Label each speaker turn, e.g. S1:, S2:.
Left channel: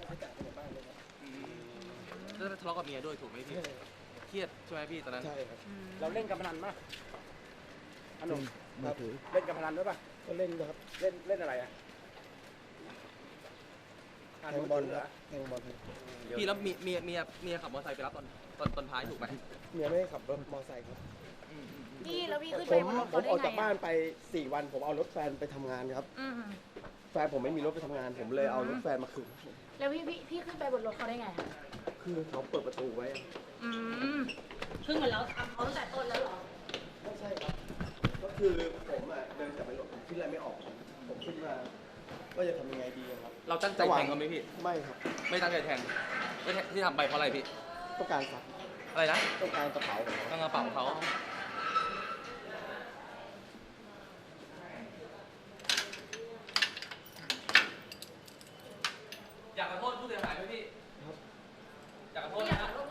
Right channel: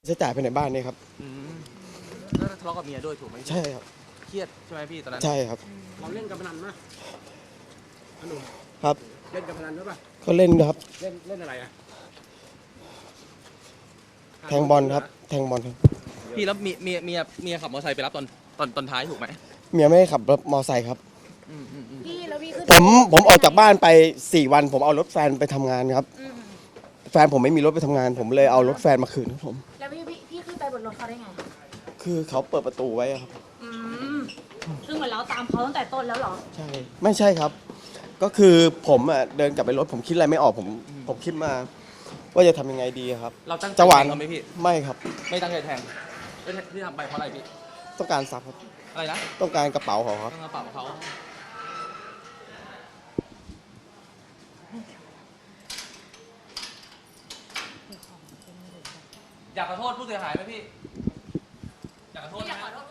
S1: ใช้จ่ายภายในบ้านนี่ครับ
S2: แล้วทะเลาะกับเมียด้วยถูกไหม
S1: ใช่ครับ
S2: เครียดใช่ไหมพี่ตอนนั้น
S1: ใช่ครับ
S3: เราเล่นการพนันมั้ยอนุ
S1: ครับ
S3: เล่นการพนันด้วยป่ะ
S1: ก็เล่นครับ
S3: เล่นอะไรอ่ะ
S1: แทงบอลครับแทงบอลครับ
S2: พี่แล้วเมียขับมอเตอร์ไซค์ไปรับตอนท้ายถูกไหม
S1: เมียไม่ได้ขับรถมอไซค์ครับ
S4: พี่แล้วพี่ขึ้น
S1: ผมออกจากบ้านไป4 วันผมเอารถแฟนไปทำงานครับแฟนผมไม่มีรถไปทำงานผมเลยเอารถแฟนมาคืนครับผม
S4: แล้วพี่ขึ้นไปบนรถเขาได้ไง
S1: คือเขาเปิดประตูไว้ครับ
S4: ซึ่งเหมือนเราตามเขาตั้งแต่ต้นแล้วเหรอ
S1: ใช่ไม่ใช่ครับก็คือผมเดินกลับไปรถผมคิดอะไรไม่ออกผมคิดมาว่าจะทำยังไงดีครับ
S2: เราตั้งใจ
S1: จะหวาน
S2: แทงไหมพี่
S1: ไม่ครับ
S2: ไม่ตั้งใจแทงที่ทำไปเพราะอะไรพี่
S1: ต้องการทรัพย์ครับ
S2: อะไรนะ
S1: ต้องการกระเป๋าของเขา
S2: ต้องกระเป๋าเขาอยากขอโทษผู้เสียหายไหมพี่อยากขอโทษนะ